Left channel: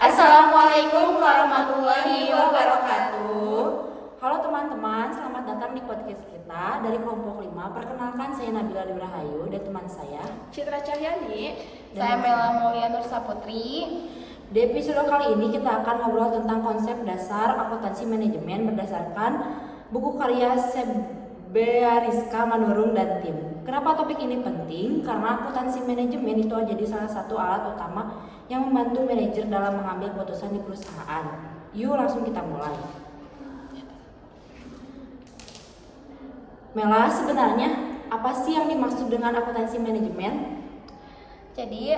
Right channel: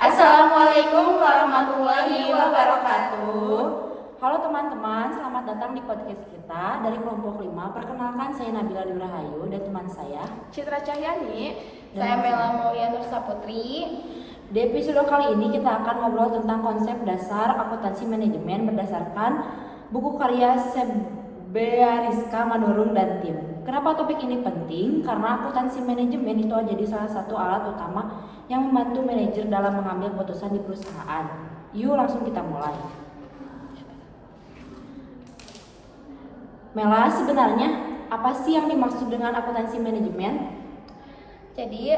Assalamualaikum warahmatullahi wabarakatuh. Halo teman-teman, selamat datang di podcast kita dari kelompok 5. Perkenalkan, saya Nabila Rahayu dan teman saya Citra Cahyani. Saya Mela Mulyana Saputri. Di episode kali ini kita akan ngobrol tentang konsep dasar akuntansi manajemen berdasarkan buku karya Sebea Rizka Manurung dan tim. Kenapa topik ini penting? Karena akuntansi manajemen itu jadi salah satu alat utama yang membantu manajer dalam mengambil keputusan di perusahaan. Yuk langsung kita mulai. Mela, sebenarnya apa sih yang dimaksud dengan akuntansi manajemen? Jadi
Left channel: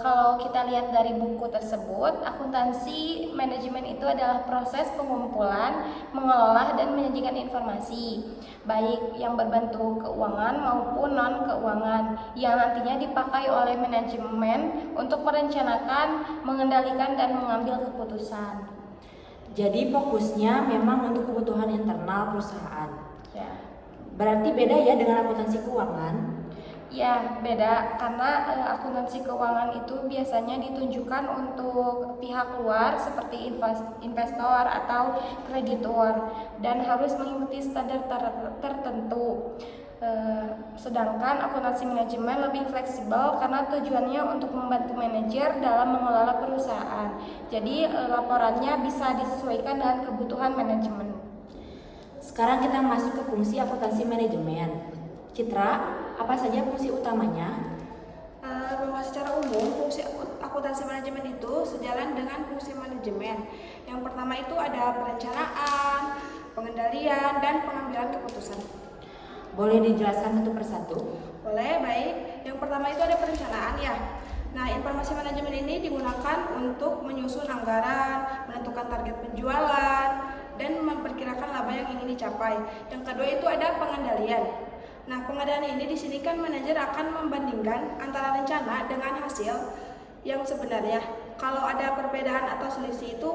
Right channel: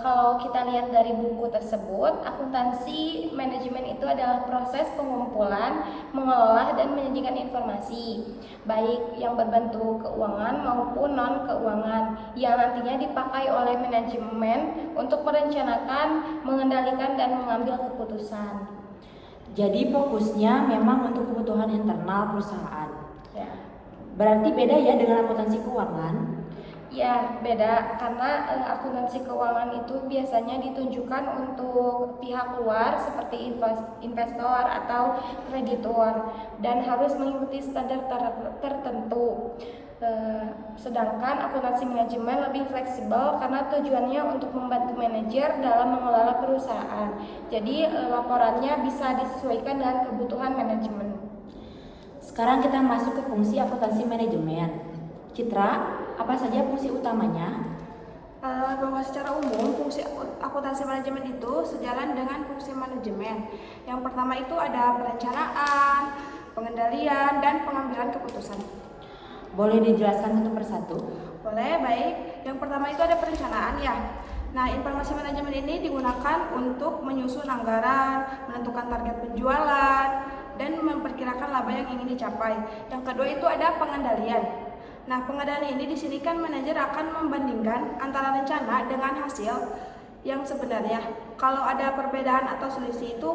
kalau kita lihat dari buku tersebut, akuntansi manajemen itu adalah proses pengumpulan, mengelola dan menyajikan informasi, baik yang berbentuk keuangan maupun non keuangan, yang nantinya dipakai oleh manajemen untuk merencanakan, mengendalikan dan mengambil keputusan. Jadi fokusnya memang untuk kebutuhan internal perusahaan. Ya. Berarti beda ya dengan akuntansi keuangan? Ya, beda karena akuntansi keuangan itu biasanya ditunjukkan untuk pihak luar seperti investor atau kreditor dan harus mengikuti standar tertentu. Sedangkan akuntansi manajemen lebih fleksibel karena tujuannya untuk membantu manajer dalam mengelola perusahaan. Jadi laporannya bisa disesuaikan dengan kebutuhan manajemen. Sekarang kita masuk ke fungsi akuntansi manajemen. Citra, apa saja fungsi utamanya? Bahwa secara umum fungsi akuntansi manajemen itu sejalan dengan fungsi manajemen. Yang pertama itu ada perencanaan, pengendalian, dan pengambilan keputusan. Boleh dijelaskan satu persatu? Boleh, baik. Yang pertama itu ada perencanaan ya. Nah, informasi manajemen ini digunakan untuk menyusun anggaran, menentukan target penjualan, dan memperkirakan laba yang ingin dicapai. Yang kedua itu ada pengendalian. Nah, pengendalian ini di sini kan manajer akan membandingkan antara rencana dengan hasil yang sebenarnya. Kalau ada perbedaan atau selisih itu,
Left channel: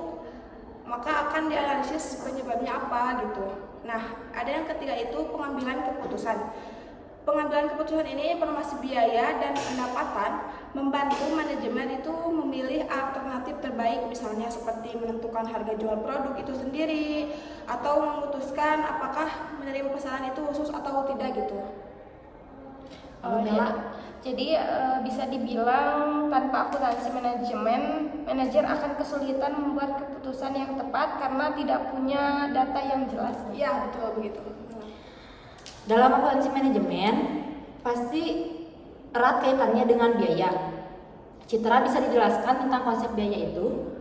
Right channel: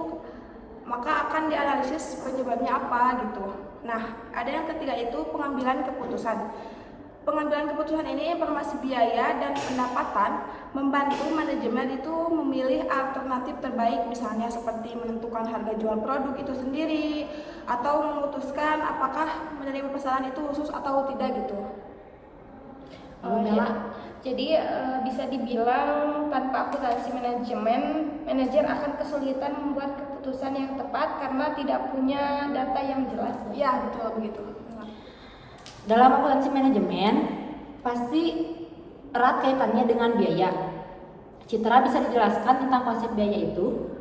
maka akan dianalisis penyebabnya apa gitu. Nah, ada yang ketiga itu pengambilan keputusan. Pengambilan keputusan ini informasi biaya dan pendapatan membantu manajemen itu memilih alternatif terbaik, misalnya seperti menentukan harga jual produk itu sendiri atau memutuskan apakah menerima pesanan itu khusus atau tidak gitu. Lalu Mela, jadi bisa dibilang tanpa akuntansi manajemen, manajer akan kesulitan membuat keputusan yang tepat karena tidak punya data yang jelas. Ya, betul begitu. dalam akuntansi manajemen pasti erat kaitannya dengan biaya. Citra, bisa dijelaskan tentang konsep biaya itu?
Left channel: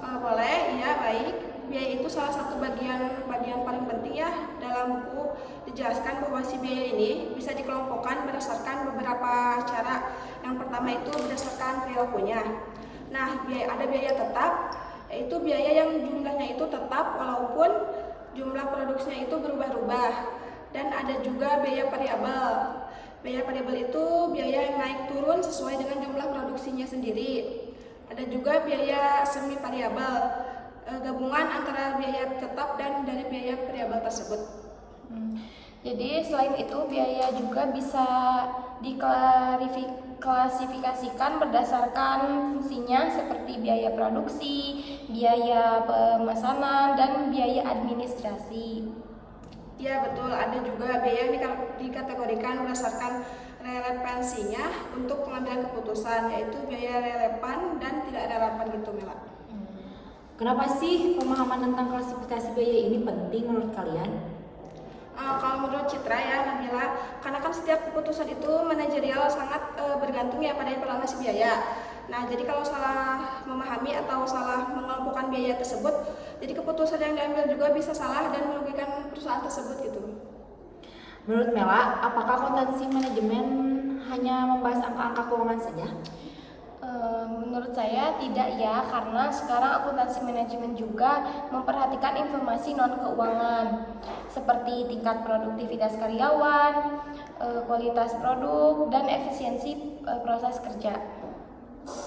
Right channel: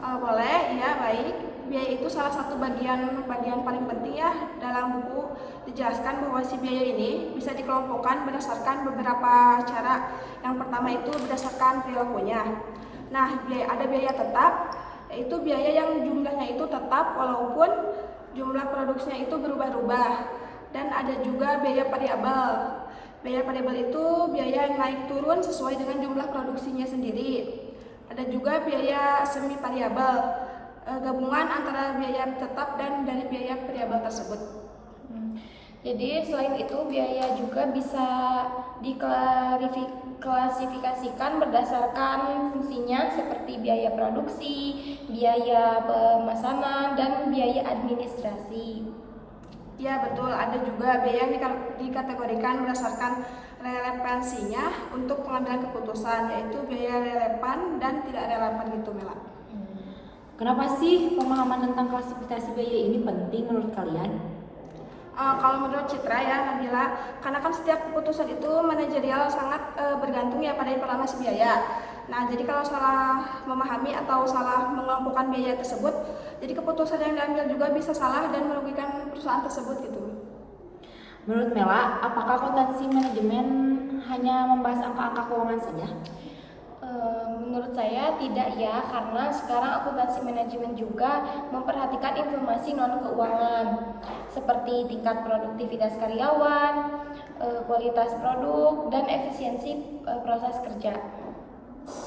Boleh, ya baik. Biaya itu salah satu bagian paling penting ya. Dalam buku dijelaskan bahwa si biaya ini bisa dikelompokkan berdasarkan beberapa cara. Yang pertama itu berdasarkan perilakunya. Nah, ada biaya tetap, yaitu biaya yang jumlahnya itu tetap walaupun jumlah produksinya itu berubah-ubah. Dan ada juga biaya variabel. Biaya variabel itu biaya yang naik turun sesuai dengan jumlah produksinya sendiri. Ada juga biaya semi variabel, gabungan antara biaya tetap dan dari biaya variabel tersebut. Jadi selain itu biaya juga bisa diklasifikasikan berdasarkan fungsinya seperti biaya produksi, biaya pemesanan, dan biaya administrasi. Ya betul, ada juga biaya yang dikategorikan berdasarkan relevansinya untuk pengambilan keputusan, yaitu biaya relevan dan tidak relevan gitu, Mela. Kenapa sih pemahaman tentang klasifikasi biaya ini penting menurut kalian? Kalau menurut Citra ya Nabila, karena kan setiap keputusan itu manajerial sangat bergantung ya pada informasi biaya. Nah, jadi kalau salah memahami atau salah mengelompokkan biaya tersebut, jadi keputusan yang diambil juga bisa salah dan merugikan perusahaan tersebut gitu. Menurut Mela, apakah akuntansi manajemen hanya membahas angka-angka keuangan saja? Menurut saya tidak ya, karena sekarang akuntansi manajemen juga memperhatikan informasi non keuangan seperti tingkat produktivitas karyawan, kualitas produk, dan efisiensi proses kerja.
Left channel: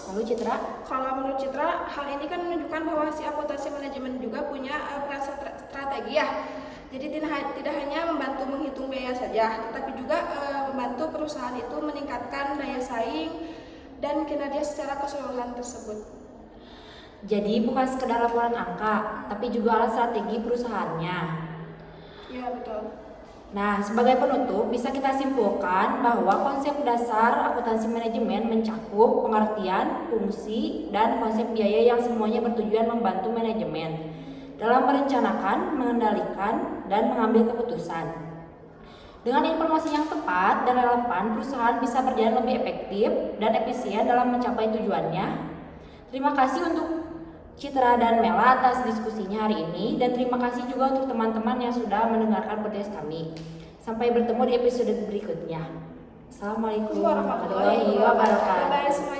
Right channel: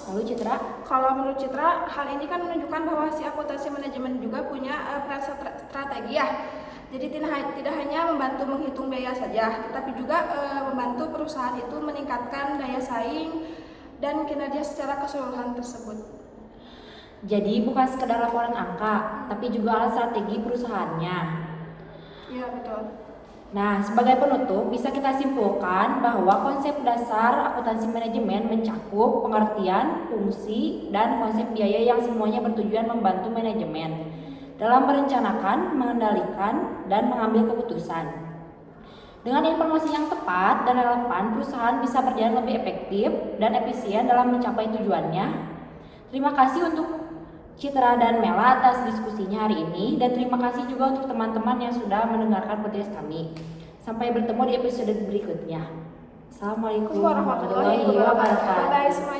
Lalu Citra? Kalau menurut Citra, hal ini kan menunjukkan bahwa si akuntansi manajemen juga punya peran strategi ya. Jadi tidak hanya membantu menghitung biaya saja, tetapi juga membantu perusahaan itu meningkatkan daya saing dan kinerja secara keseluruhan tersebut. Jadi bukan sekedar laporan angka, tapi juga alat strategi perusahaannya. Iya, betul. Nah, sebagai penutup, bisa kita simpulkan bahwa konsep dasar akuntansi manajemen mencakup pengertian, fungsi, dan konsep biaya yang semuanya bertujuan membantu manajemen dalam merencanakan, mengendalikan, dan mengambil keputusan. Dengan informasi yang tepat dan relevan, perusahaan bisa berjalan lebih efektif dan efisien dalam mencapai tujuannya. Terima kasih untuk Citra dan Mela atas diskusinya hari ini, dan terima kasih juga untuk teman-teman yang sudah mendengarkan podcast kami. Sampai bertemu di episode berikutnya. Assalamualaikum warahmatullahi wabarakatuh. Bye semuanya.